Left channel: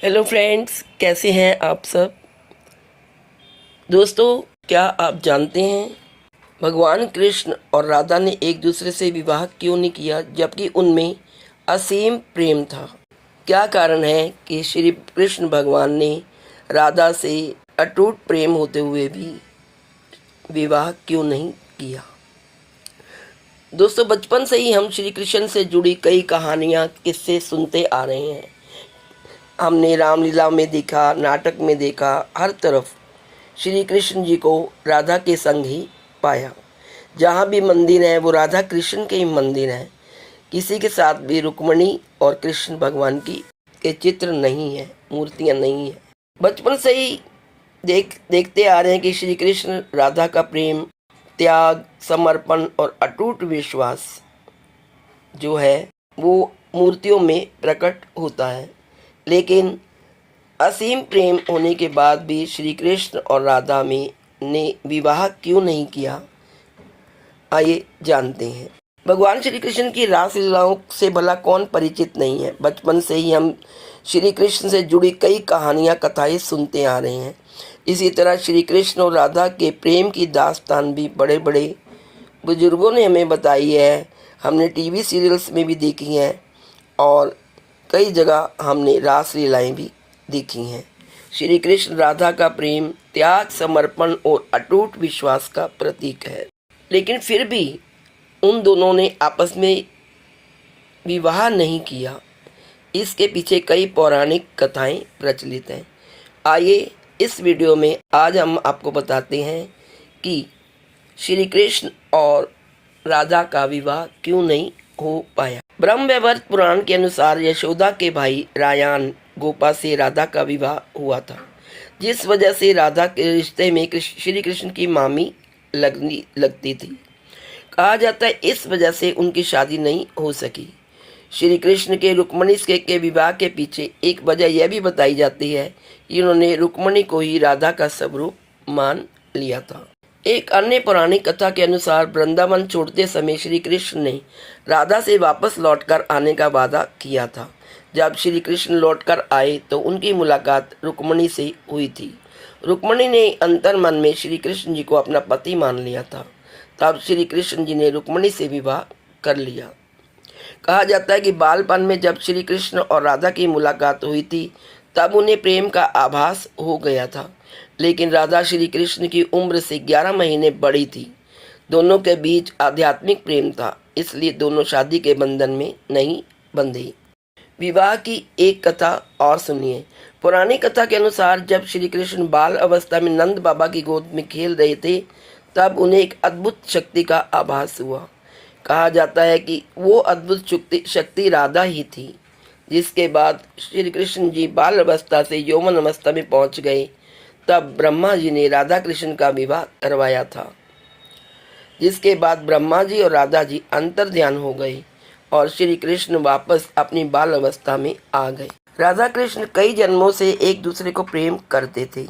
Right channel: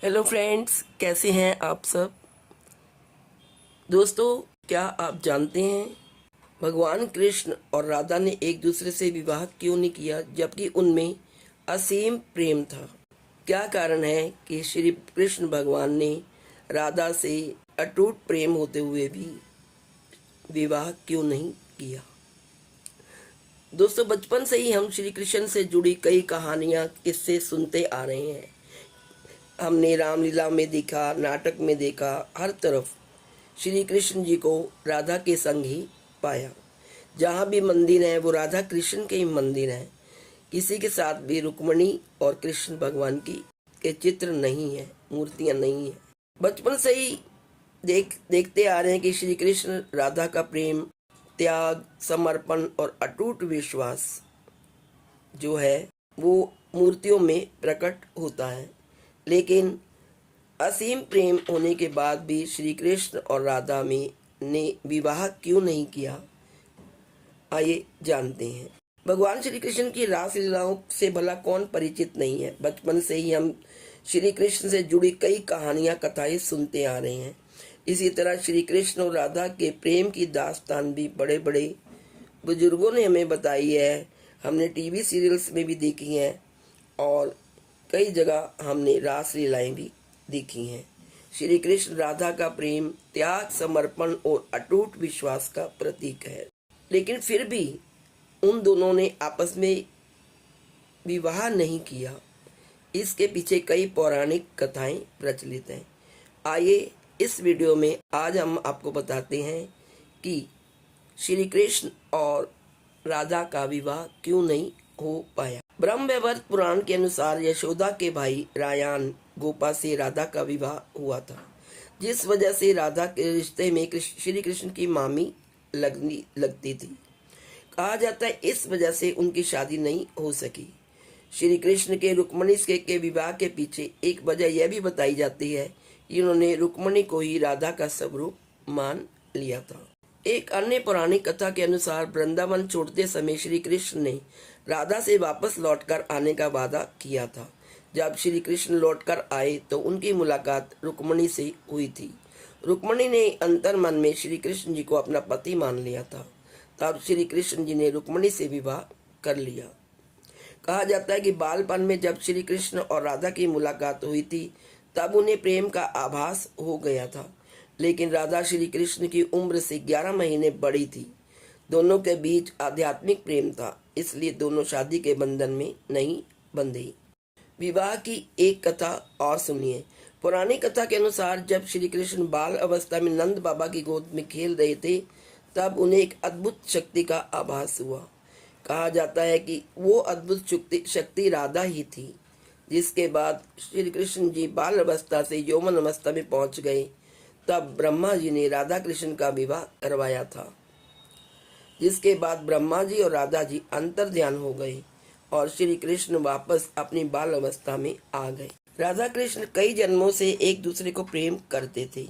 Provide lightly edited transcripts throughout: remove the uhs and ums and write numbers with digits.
Hello friends, कैसे हैं आप सब। दोस्तों, क्या आप जानते हैं भगवान कृष्ण और राधा ने एक दूसरे से विवाह क्यों नहीं किया, जबकि उनमें असीम प्रेम था। क्या कारण है कि श्री कृष्ण भगवान ने राधा से अटूट प्रेम होते हुए भी विवाह क्यों नहीं किया। दोस्तों, बचपन से ही हम श्री कृष्ण से जुड़ी कई कहानियाँ किस्से सुनते आ रहे हैं। हमने रामलीला में देखा, नाटक में देखा, हर तरफ श्री कृष्ण जी को राधा के संग ही पाया। जहाँ भी मंदिर है वो राधा कृष्ण के ही मंदिर हैं। किसी के साथ भी रुक्मणी और कृष्ण भगवान की के चित्र नहीं है, मूर्तियाँ नहीं हैं। बचपन से ही देखते आ रहे हैं कि श्री कृष्ण राधा का प्रेम, त्याग, समर्पण और अटूट विश्वास जो है वो मूर्तियों में प्रकट होता है। लेकिन असीम प्रेम होने के बाद भी श्री कृष्ण और राधा में ने विवाह क्यों नहीं किया, आइए जानते हैं। भगवान श्री कृष्ण की रासलीलाओं से भला कौन परिचित नहीं है। बचपन से ही हम श्री कृष्ण से जुड़ी कई कहानियाँ, कथाएं सुनते आ रहे हैं। इसी तरह श्री कृष्ण और राधा के प्रेम की दास्तान भी बड़े बड़े बुजुर्गों ने हमें बताई है। हमने टीवी सीरियल्स में भी देखी हैं और कई जगह हमने रासलीलाएं भी देखी हैं। श्री कृष्ण राधा का प्रेम त्याग, समर्पण और अटूट विश्वास का प्रतीक है। लेकिन फिर भी उन दोनों ने आपस में विवाह नहीं किया। इसके पीछे कई पौराणिक कथाएं प्रचलित हैं। आइए इस वीडियो में आज हम आपको बताते हैं कि श्री कृष्ण और राधा का विवाह क्यों नहीं हो पाया। ब्रह्मवैवर्त पुराण के अनुसार यशोदा के भाई रायान गोपा से राधा का विवाह हुआ था, जिस वजह से राधा के रिश्ते में श्री कृष्ण की मामी लगती थी। कहा जाता है इस वजह से उनकी शादी नहीं हो सकी। श्री कृष्ण के रुक्मणी के विवाह के पीछे एक वजह यह भी बताई जाती है कि उन्होंने रुक्मणी को ही राधा का स्वरूप मान लिया था। एक अन्य पौराणिक कथा के अनुसार वृंदावन छोड़ते समय श्री कृष्ण ने राधा से वापस लौटकर आने का वादा किया था। जब श्री कृष्ण लौटकर आए तो उनकी मुलाकात रुक्मणी से हुई थी। रुक्मणी ने अंतर मन में श्री कृष्ण जी को अपना पति मान लिया था। तब श्री कृष्ण जी ने रुक्मणी से विवाह कर लिया। कहा जाता है कि बालपन में जब श्री कृष्ण और राधा की मुलाकात हुई थी तब उन्हें प्रेम का आभास हो गया था। लेकिन राधा श्री कृष्ण की उम्र से 11 महीने बड़ी थी। दोनों के बीच आध्यात्मिक प्रेम था, इसलिए दोनों शादी के बंधन में नहीं बंधे। विवाह की एक कथा और सुनिए। पुरानी कथा के अनुसार जब श्री कृष्ण बाल अवस्था में नंद बाबा की गोद में खेल रहे थे तब उन्हें एक अद्भुत शक्ति का आभास हुआ। कहा जाता है कि वो अद्भुत शक्ति राधा ही थी। जिसके बाद श्री कृष्ण जी बाल अवस्था से यौवन अवस्था में पहुंच गए। तब ब्रह्मा जी ने राधा कृष्ण का विवाह करवाया था। जिसके बाद ब्रह्मा जी और राधा जी अंतर्ध्यान हो गए और श्री कृष्ण वापस अपनी बाल अवस्था में आ गए। राधा कृष्ण कई जन्मों से एक दूसरे को प्रेम करते थे।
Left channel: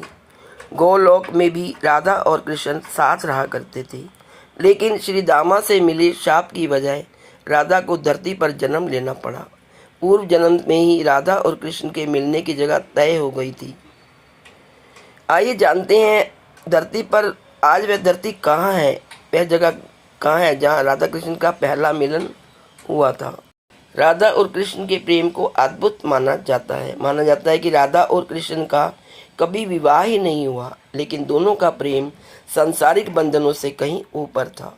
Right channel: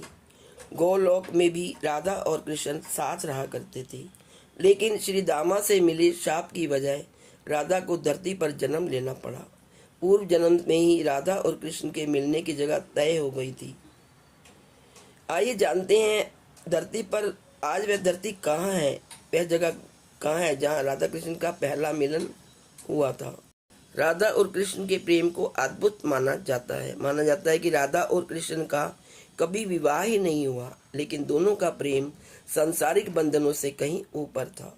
गोलोक में भी राधा और कृष्ण साथ रहा करते थे। लेकिन श्री दामा से मिले शाप की वजह राधा को धरती पर जन्म लेना पड़ा। पूर्व जन्म में ही राधा और कृष्ण के मिलने की जगह तय हो गई थी। आइए जानते हैं धरती पर आज वह धरती कहाँ है, वह जगह कहाँ है जहाँ राधा कृष्ण का पहला मिलन हुआ था। राधा और कृष्ण के प्रेम को अद्भुत माना जाता है कि राधा और कृष्ण का कभी विवाह ही नहीं हुआ, लेकिन दोनों का प्रेम सांसारिक बंधनों से कहीं ऊपर था।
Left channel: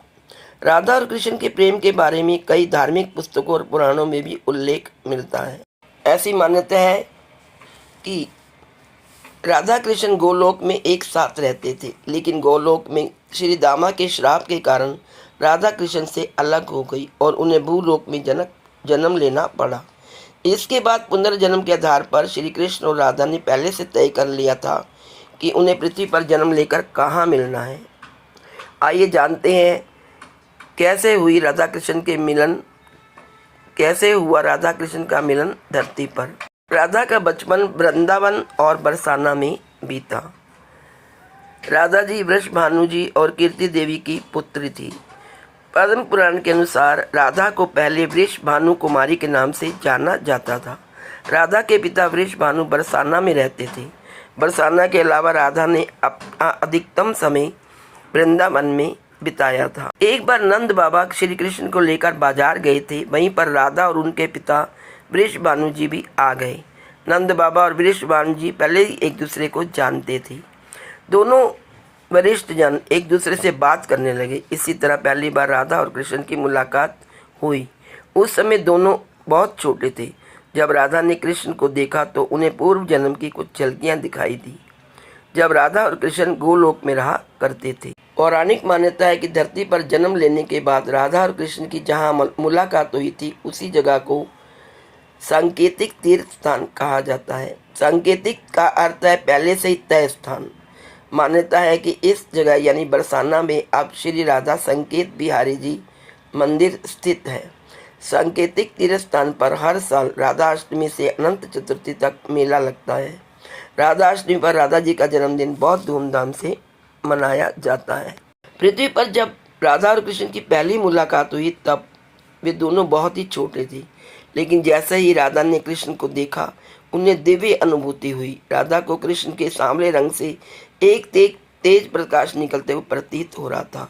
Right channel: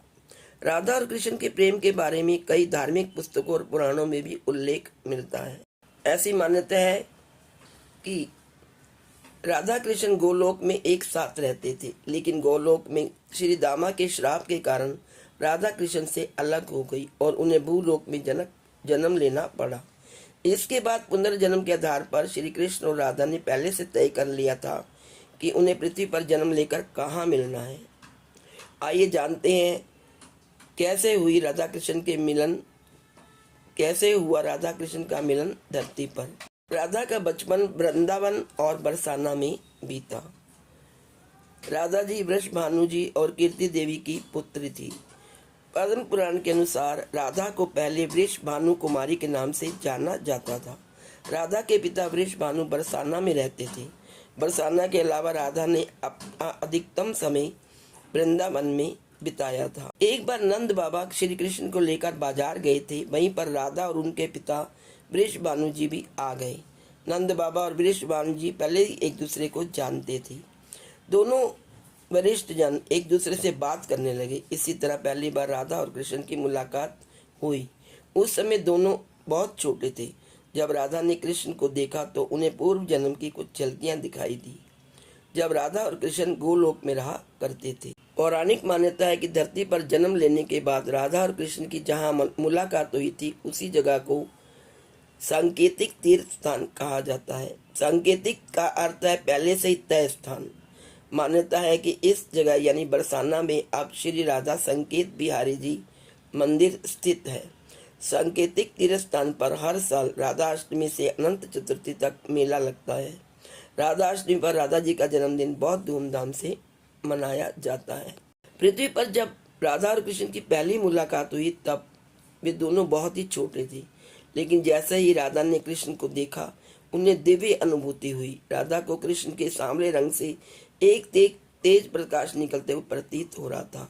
राधा और कृष्ण के प्रेम के बारे में कई धार्मिक पुस्तकों और पुराणों में भी उल्लेख मिलता है। ऐसी मान्यता है कि राधा कृष्ण गोलोक में एक साथ रहते थे, लेकिन गोलोक में श्री दामा के श्राप के कारण राधा कृष्ण से अलग हो गई और उन्हें भूलोक में जन्म लेना पड़ा। इसके बाद पुनर्जन्म के आधार पर श्री कृष्ण और राधा ने पहले से तय कर लिया था कि उन्हें पृथ्वी पर जन्म लेकर कहाँ मिलना है। आइए जानते हैं कैसे हुआ राधा कृष्ण का मिलन धरती पर। राधा का बचपन वृंदावन और बरसाना में बीता। राधा जी वृषभानु जी और कीर्ति देवी की पुत्री थी। पद्म पुराण के अनुसार राधा को पहले वृषभानु कुमारी के नाम से जाना जाता था। राधा के पिता वृषभानु बरसाना में रहते थे। बरसाना के अलावा राधा ने अपना अधिकतम समय वृंदावन में बिताया था। एक बार नंद बाबा श्री कृष्ण को लेकर बाजार गए थे। वहीं पर राधा और उनके पिता वृषभानु जी भी आ गए। नंद बाबा और वृषभानु जी पहले ही एक दूसरे को जानते थे। दोनों वरिष्ठ जन एक दूसरे से बात करने लगे। इसी तरह पहली बार राधा और कृष्ण की मुलाकात हुई। उस समय दोनों बहुत छोटे थे। जब राधा ने कृष्ण को देखा तो उन्हें पूर्व जन्म की कुछ झलकियां दिखाई दी, जब राधा और कृष्ण गोलोक में रहा करते थे। पौराणिक मान्यता है कि धरती पर जन्म लेने के बाद राधा और कृष्ण की जहाँ मुलाकात हुई थी उसी जगह को सांकेतिक तीर्थ स्थान कहा जाता है। सांकेतिक का अर्थ है पहले से ही तय स्थान। मान्यता है कि इस जगह यानी बरसाना में अब श्री राधा संकेत बिहारी जी मंदिर स्थित है। सांकेतिक तीर्थ स्थान पर हर साल राधा अष्टमी से अनंत चतुर्थी तक मेला लगता है। राधा अष्टमी पर राधा जी का जन्मदिन बहुत धूमधाम से मनाया जाता है। पृथ्वी पर जब राधा और कृष्ण की पहली मुलाकात हुई तब वे दोनों बहुत ही छोटे थे, लेकिन जैसे ही राधा ने कृष्ण को देखा उन्हें दिव्य अनुभूति हुई। राधा को कृष्ण के सांवले रंग से एक तेज प्रकाश निकलते हुए प्रतीत हो रहा था।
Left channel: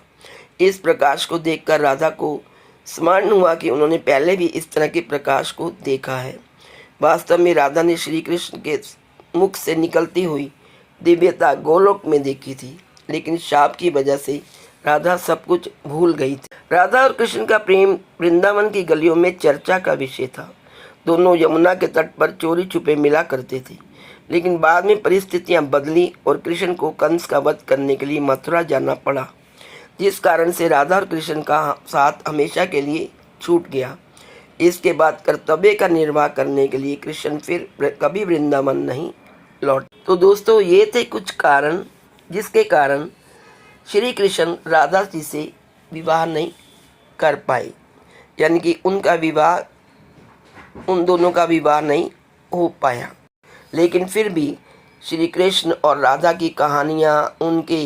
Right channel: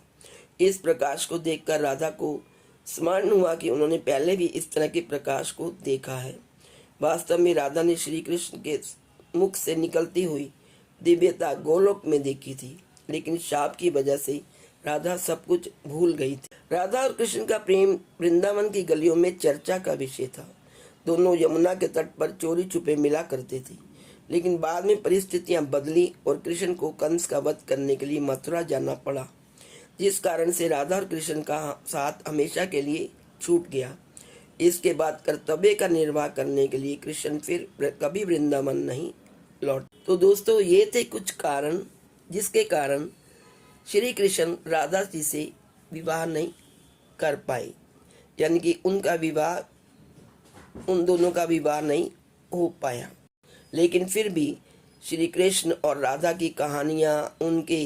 इस प्रकाश को देखकर राधा को स्मरण हुआ कि उन्होंने पहले भी इस तरह के प्रकाश को देखा है। वास्तव में राधा ने श्री कृष्ण के मुख से निकलती हुई दिव्यता गोलोक में देखी थी, लेकिन शाप की वजह से राधा सब कुछ भूल गई थी। राधा और कृष्ण का प्रेम वृंदावन की गलियों में चर्चा का विषय था। दोनों यमुना के तट पर चोरी छुपे मिला करते थे, लेकिन बाद में परिस्थितियां बदली और कृष्ण को कंस का वध करने के लिए मथुरा जाना पड़ा, जिस कारण से राधा और कृष्ण का साथ हमेशा के लिए छूट गया। इसके बाद कर्तव्य का निर्वाह करने के लिए कृष्ण फिर कभी वृंदावन नहीं लौट। तो दोस्तों, ये थे कुछ कारण जिसके कारण श्री कृष्ण राधा जी से विवाह नहीं कर पाए, यानी कि उन दोनों का विवाह नहीं हो पाया। लेकिन फिर भी श्री कृष्ण और राधा की कहानियाँ, उनके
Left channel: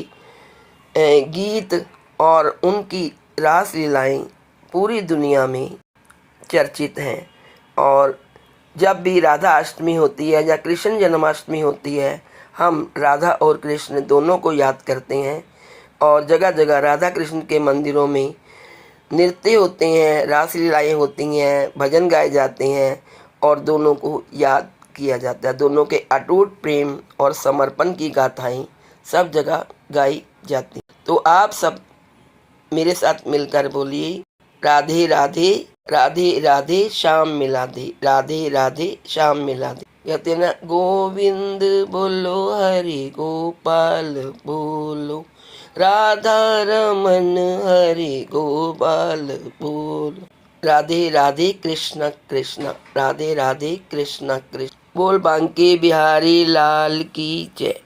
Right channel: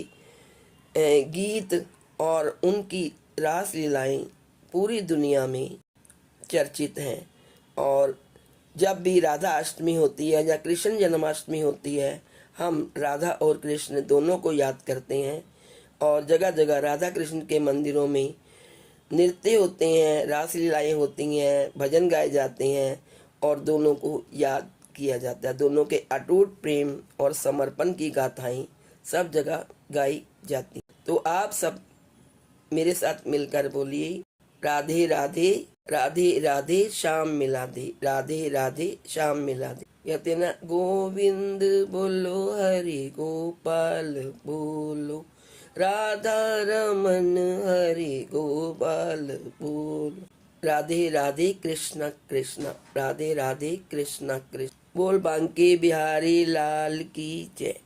गीत और उनकी रास लीलाएँ पूरी दुनिया में चर्चित हैं। और जब भी राधा अष्टमी होती है या कृष्ण जन्माष्टमी होती है, हम राधा और कृष्ण दोनों को याद करते हैं और जगह जगह राधा कृष्ण के मंदिरों में नृत्य होते हैं, रास लीलाएँ होती हैं, भजन गाए जाते हैं और दोनों को याद किया जाता है। दोनों के अटूट प्रेम और समर्पण की गाथाएं सब जगह गाई जाती। तो आप सब मेरे साथ मिलकर बोलिए, राधे राधे राधे राधे श्याम मिला दे, राधे राधे श्याम मिला दे। कहते हैं ना, गोविंद बोलो हरि गोपाल बोलो, राधा रमन हरि गोपाल बोलो। राधे राधे कृष्ण कृष्ण, राधे राधे कृष्ण कृष्ण। बोल बांके बिहारी लाल की जय,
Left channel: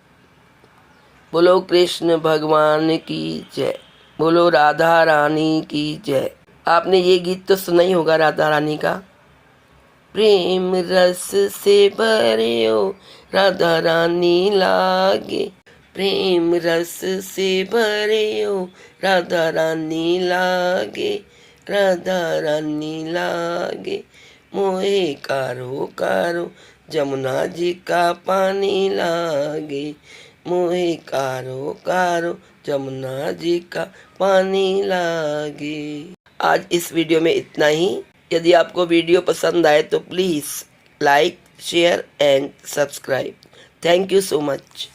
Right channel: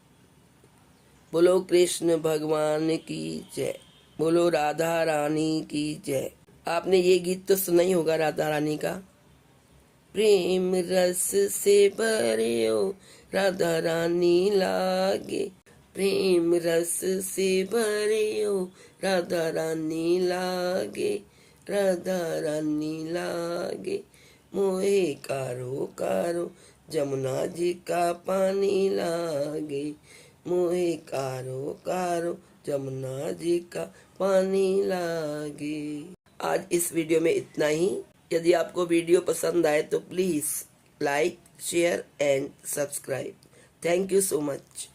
बोलो कृष्ण भगवान की जय, बोलो राधा रानी की जय। आपने ये गीत तो सुना ही होगा राधा रानी का। प्रेम रस से भरे हो राधा रानी लागे, प्रेम रस से भरे हो राधा रानी लागे, राधा रानी लागे। मोहे कारो कारो जमुना जी का पानी लागे, मोहे कारो कारो जमुना जी का पानी लागे। आज इस वीडियो में इतना ही। यदि आपको वीडियो पसंद आए तो please like, share and subscribe. Thank you so much.